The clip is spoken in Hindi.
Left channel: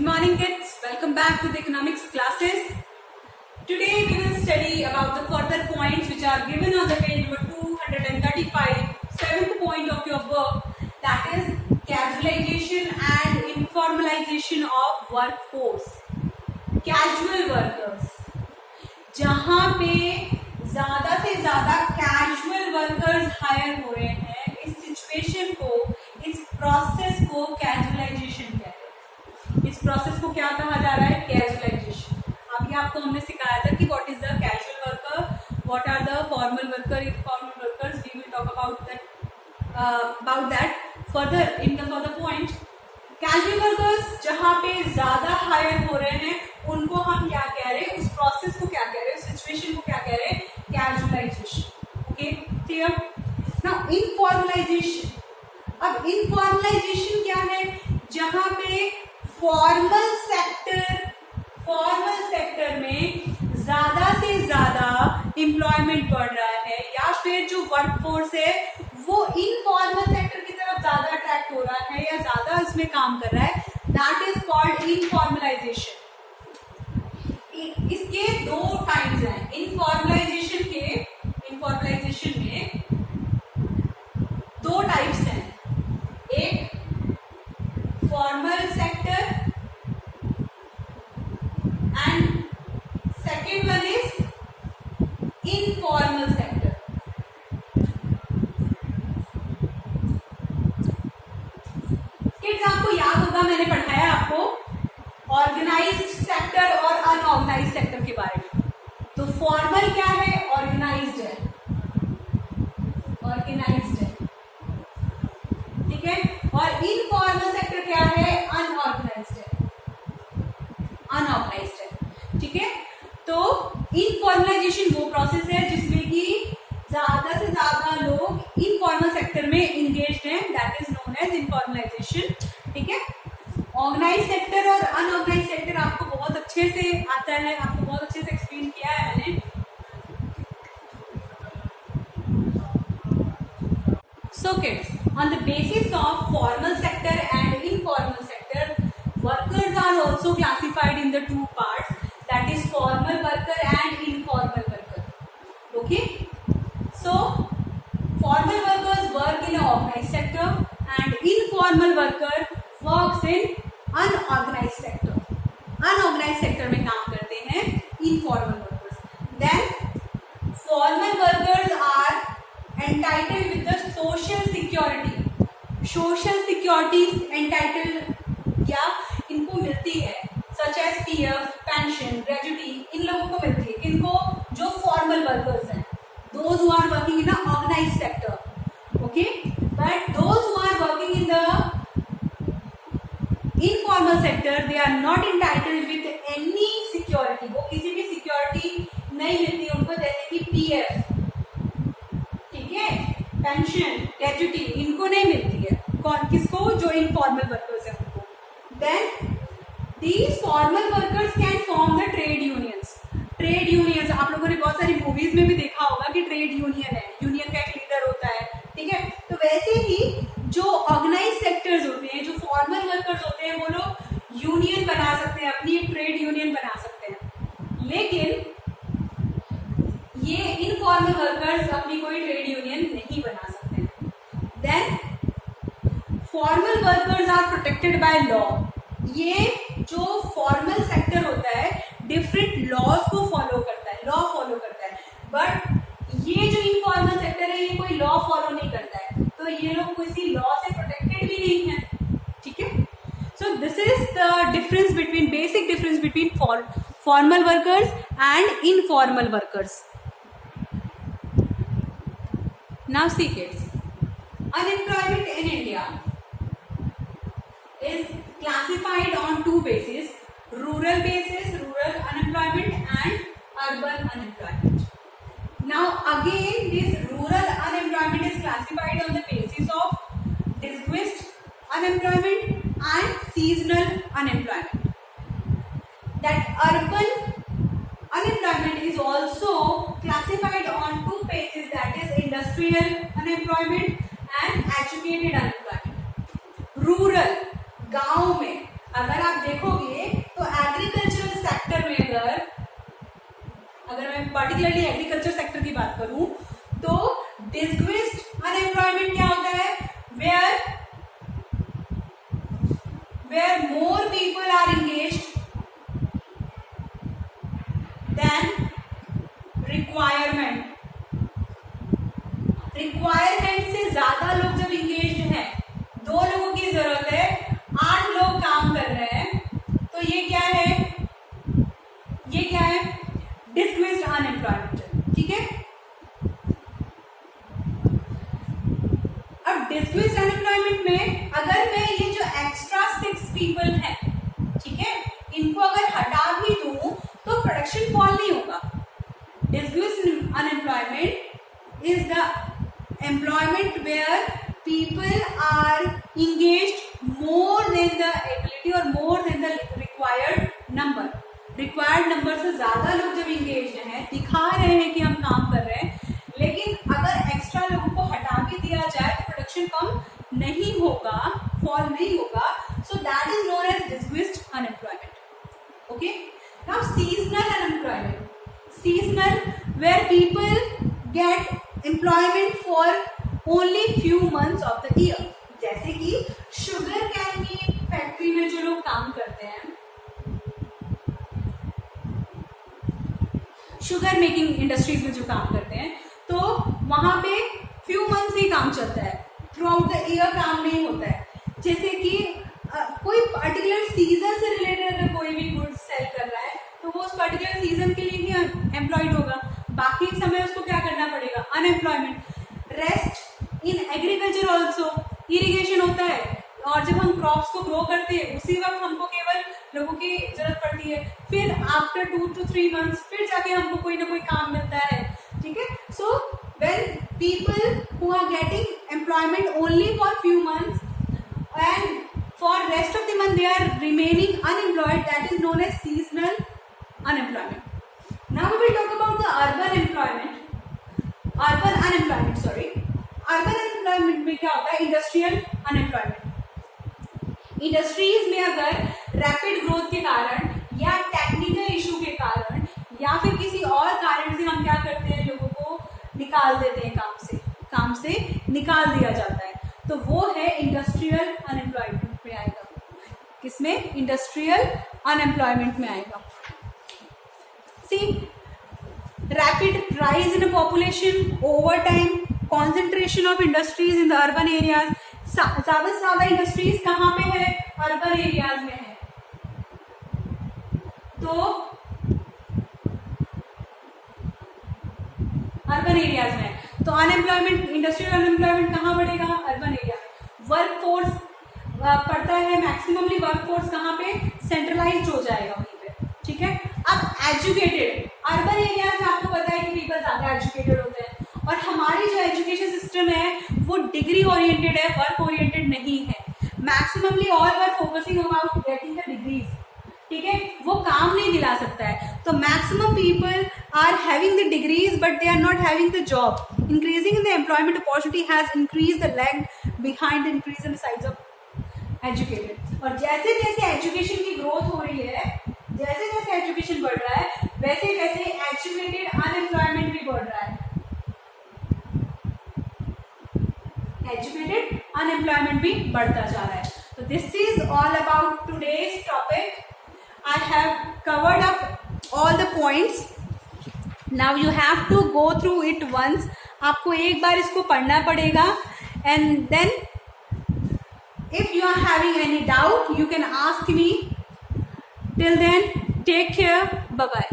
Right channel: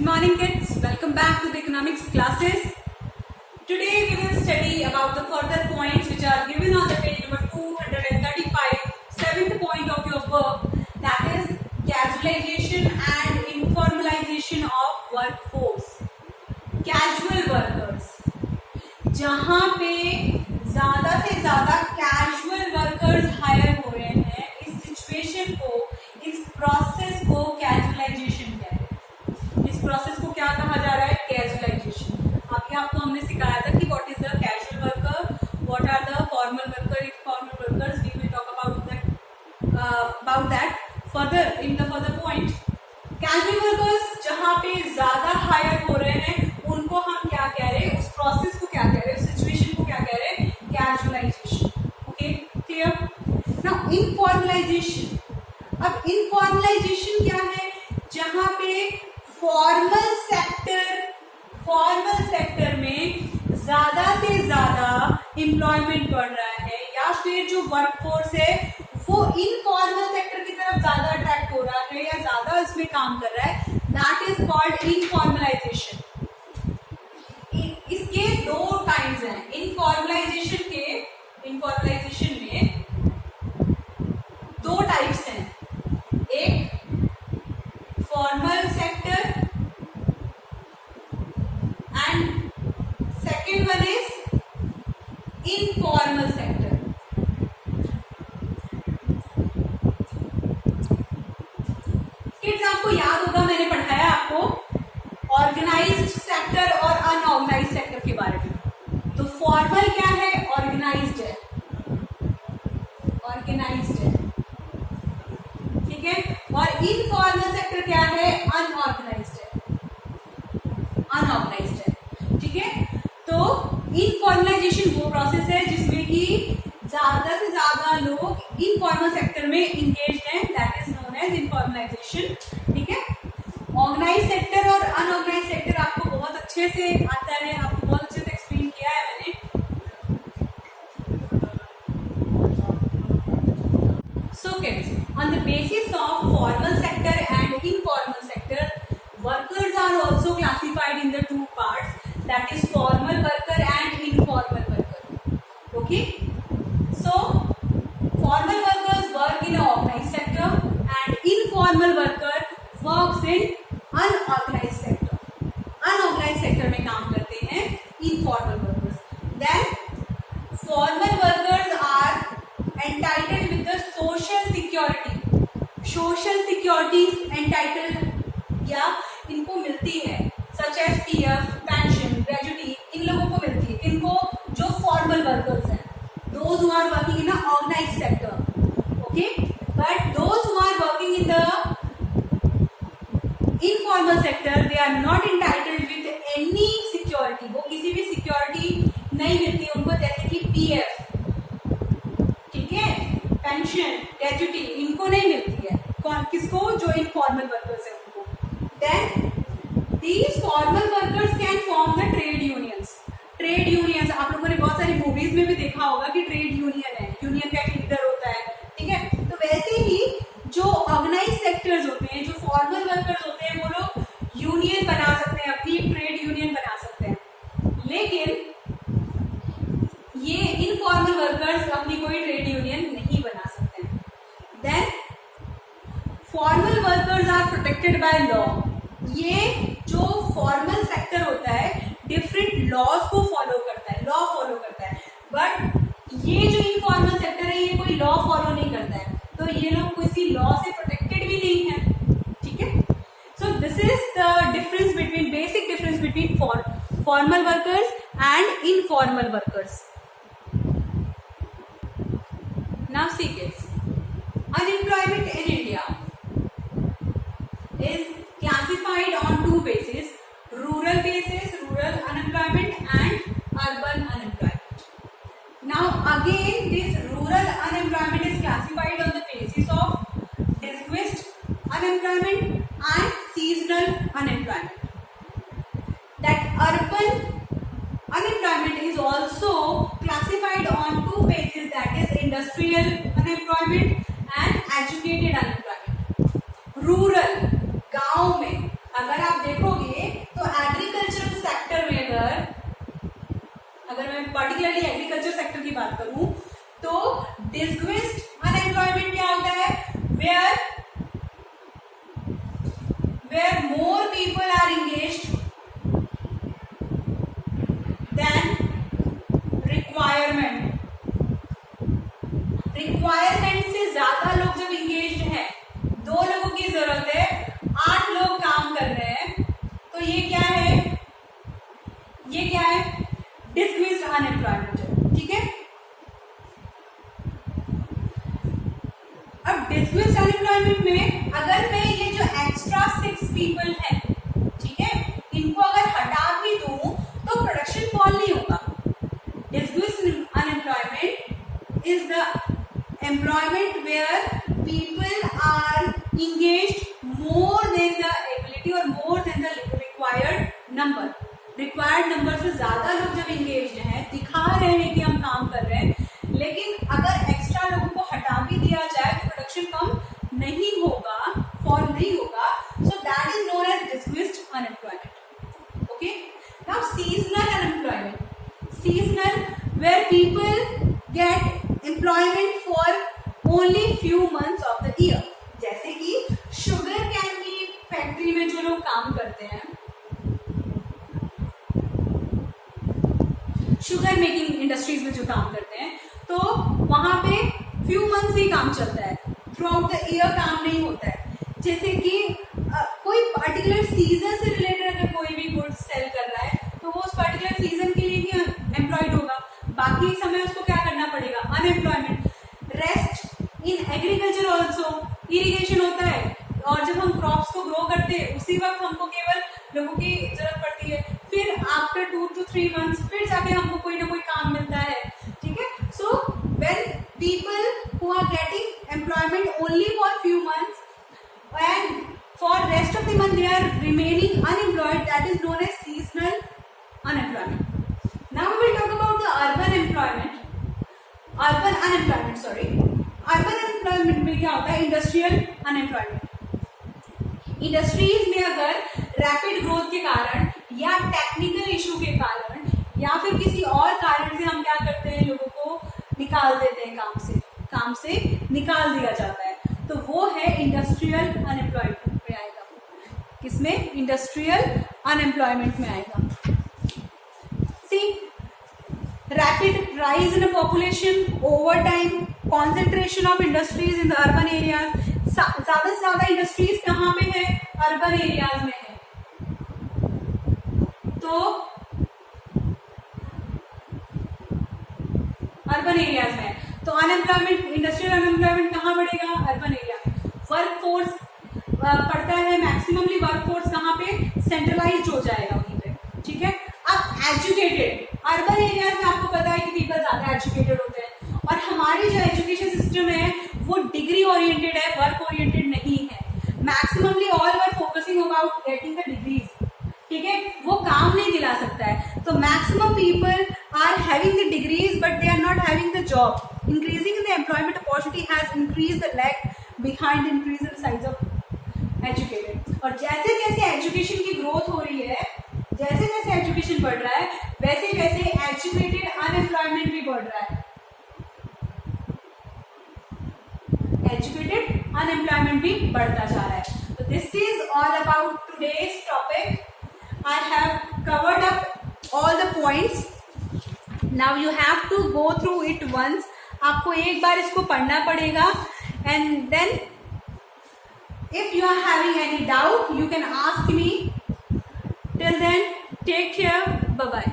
Good morning kids, welcome back to the economics classes. Today we will study about the further points which are given on the page number 235, seventh point of your work, that is casualization and informalization of workforce. Casual workers, जहाँ पे ज़्यादा से ज़्यादा कैजुअल वर्कर्स हायर हो रहे हैं, इस सिचुएशन को, इस प्रोसेस को कैजुअलाइजेशन कहते हैं. इस प्रोसेस को क्या कहा जा रहा है? कैजुअलाइजेशन. अभी आपको हमने सिखाया था कि what is the casual worker, what are the formal worker, informal workers. We will talk about that further in the further point. Casual workers जहाँ पे ज्यादा हायर हो रहे हैं उनको हम क्या कह रहे हैं? उस प्रोसेस को क्या कह रहे हैं? उस सिचुएशन को क्या कह रहे हैं? Casualisation. Okay, clear. Now informalisation. अब इनफॉर्मलाइजेशन क्या है? जहाँ पे फॉर्मल सेक्टर में ज्यादा से ज्यादा एम्प्लॉयमेंट बढ़ रहा है या फिर जो वर्कफोर्स है वो इनफॉर्मल सेक्टर की तरफ ज्यादा अट्रैक्ट हो रहा है या ज्यादा इसमें काम कर रहा है. That is called informalisation. इसके दो टाइप्स हैं. इनफॉर्मलाइजेशन में दो टाइप्स हैं. एक formal sector and second one is informal sector. Kids, आपको याद होगा मैंने पढ़ाया आपको ऑर्गेनाइज्ड सेक्टर और अनऑर्गेनाइज्ड सेक्टर के बारे में. तो फॉर्मल क्या है? ऑर्गेनाइज्ड है. ठीक है. और इनफॉर्मल सेक्टर क्या है? अनऑर्गेनाइज्ड है. ठीक है. तो इनफॉर्मलाइजेशन वो प्रोसेस है जिसमें कि ज्यादा से ज्यादा लोग इनफॉर्मल सेक्टर में इंगेज्ड हैं. That is known as informalisation. ठीक है. ऑर्गेनाइज सेक्टर और अनऑर्गेनाइज सेक्टर आपको बहुत अच्छे से आता है, आपको बहुत अच्छे से एक्सप्लेन किया है मैंने. So kids, on the basis of formal sector and informal sector, workers are also classified in the two parts, that is formal worker and informal worker. Okay? So formal workers work in organized sector and informal worker works in unorganized sector. Unorganized sector में काम करते हैं informal workers. Then formal workers are entitled with the social security. Social securities entitled या इनको मिलती है such as PF, pension, gratuity. इन लोगों को मिलती है. इनको जो formal workers हैं, those who are working in a organized sector. Okay, but those who are working in the informal sector, they are not entitled with any security. वो किसी भी security नहीं मिलती उनको, जैसे कि PF, ठीक है, पेंशन, ग्रेजुटी, इनको नहीं मिलती है. कौन किसको? जो इनफॉर्मल वर्कर्स है उनको. Then these formal workers can form the trade unions. Trade unions आप लोगों ने बहुत सारी मूवीज में भी देखा होगा कि ट्रेड यूनियन है, यूनियन का एक लीडर होता है. ठीक है. तो वैसे ही जो ऑर्गेनाइज सेक्टर्स होते हैं, जो फॉर्मल वर्कर्स होते हैं, वो लोग यूनियन बना सकते हैं, अपनी एक ट्रेड यूनियन बना सकते हैं. लेकिन ये इनफॉर्मल वर्कर्स अपनी कोई ट्रेड यूनियन नहीं बना सकते हैं. Then formal workers are protected by law. ये जो फॉर्मल सेक्टर होता है डिफरेंट लॉज को फॉलो करता है, बट ये जो इनफॉर्मल सेक्टर है ये कोई लॉ फॉलो नहीं करता है, तो ये लोग किसी लॉ से प्रोटेक्टेड भी नहीं है. ठीक है. So this is the difference between, basic difference between formal workers and informal workers. Now see kids, unemployment in India is classified on two bases: rural basis, rural unemployment, and urban unemployment. Now again, this rural unemployment is classified on the basis of disguised unemployment and seasonal unemployment. That urban unemployment is also classified on two bases, that is industrial unemployment and educated unemployment. Rural, गांव में अगर आप देखोगे तो एग्रीकल्चरल सेक्टर में अगर मैं पर्टिकुलरली एग्रीकल्चर सेक्टर की बात करूं तो डिस्ग्विस्ड अनएम्प्लॉयमेंट क्या होता है, where more people are engaged than requirement से ज्यादा लोग जब इंगेज्ड हैं, 2 लोगों की जरूरत है, 8 लोग काम कर रहे हैं, तो ये क्या है डिस्ग्विस्ड अनएम्प्लॉयमेंट। ठीक है, अब डिस्ग्विस्ड अनएम्प्लॉयमेंट में अगर मैं ये जो एक्स्ट्रा 6 पीपल हैं, ठीक है, इनको अगर हटा भी दूं तो प्रोडक्शन फॉल नहीं होगा। Disguised unemployment is the employment where people are engaged more than the ability or more than the required number से ज्यादा लोग जब engaged हैं, दिखा रहे हैं कि हम काम कर रहे हैं, लेकिन अगर एक्स्ट्रा लोगों को हटा भी दिया जाए तो प्रोडक्शन कम नहीं होगा, फॉल नहीं होगा, so that is known as dismissed unemployment. Okay, now seasonal unemployment, seasonal where people get employment for only few months of the year. जैसे कि शुगर कैन की फैक्ट्री में जो लोग काम करते हैं, शुगर मेकिंग इंडस्ट्रीज में जो काम करते हैं, तो वहां पे फ्यू मंथ्स ही काम चलता है, थ्रू आउट द ईयर काम नहीं होता है। जैसे कि कोई पर्टिकुलर सीजन से रिलेटेड अगर कोई भी गुड्स सेल कर रहा है तो वो उस पर्टिकुलर सीजन के लिए ही एम्प्लॉयड होगा, बाकी समय उसको क्या करना पड़ेगा, unemployment. Rest in agriculture also, irrigation होता है और जब हम क्रॉप्स को ग्रो करते हैं उसी वक्त हमको केवल लोगों की जरूरत पड़ती है, फिर आफ्टर 2 to 3 months फिर जाके हमको कोई ना कोई काम मिलता है। ठीक है, so when people who are getting employment only for few months and for rest of the month they are remaining unemployed, that is known as seasonal unemployment. Now we will talk about the urban unemployment. Urban unemployment में क्या होता है, industrial unemployment। इंडस्ट्रीज में अगर रैपिड ग्रोथ के कारण या टेक्निकल इशू के कारण या फिर किसी और कारण से हम क्या करते हैं, लोगों को निकाल देते हैं, काम से निकाल दिया जाता है, तो वो है इंडस्ट्रियल अनएम्प्लॉयमेंट में आएगा। किसमें, इंडस्ट्रियल अनएम्प्लॉयमेंट में आएगा। C, rapid rise in population over time, concentration of industries in the urban areas. ज्यादा से ज्यादा इंडस्ट्रीज कहाँ पे है, अर्बन एरियाज में है, तो अर्बन एरियाज में, तो अनएम्प्लॉयमेंट, इंडस्ट्रियल अनएम्प्लॉयमेंट कहाँ बढ़ेगा, अर्बन एरिया में। वर्क फोर्स पड़ता है, मैक्सिममली वर्क फोर्स कहाँ पे, सेंट्रलाइज्ड हो जाएगा वहीं पे। ठीक है, अब एजुकेटेड, अर्बन एरियाज में आपको पता है कि पीपल ज्यादा एजुकेटेड होते हैं और हमारी जो एजुकेशन सिस्टम है वो डिग्री ओरिएंटेड है, वर्क ओरिएंटेड नहीं है। Maximally all were focusing about getting the degrees. ठीक है, वो काम नहीं दिला सकता है, तो maximum people are having the degrees but they are not having the job. Increasing in the employment opportunity has increase the lag behind increase in size of educated. और जैसे जैसे एजुकेशन की ग्रोथ हो रही है, जैसे जैसे एजुकेशन बढ़ रहा है, वैसे वैसे एजुकेटेड अनएम्प्लॉयमेंट भी बढ़ रहा है। एजुकेटेड अनएम्प्लॉयमेंट भी बढ़ता जा रहा है। तो this is all about today's topic. I have covered up all the points. Now you have to go through it once. आपको एक बार इसको पढ़ना पड़ेगा and then if you are having any doubt you can ask me. Till then, take care. Bye bye.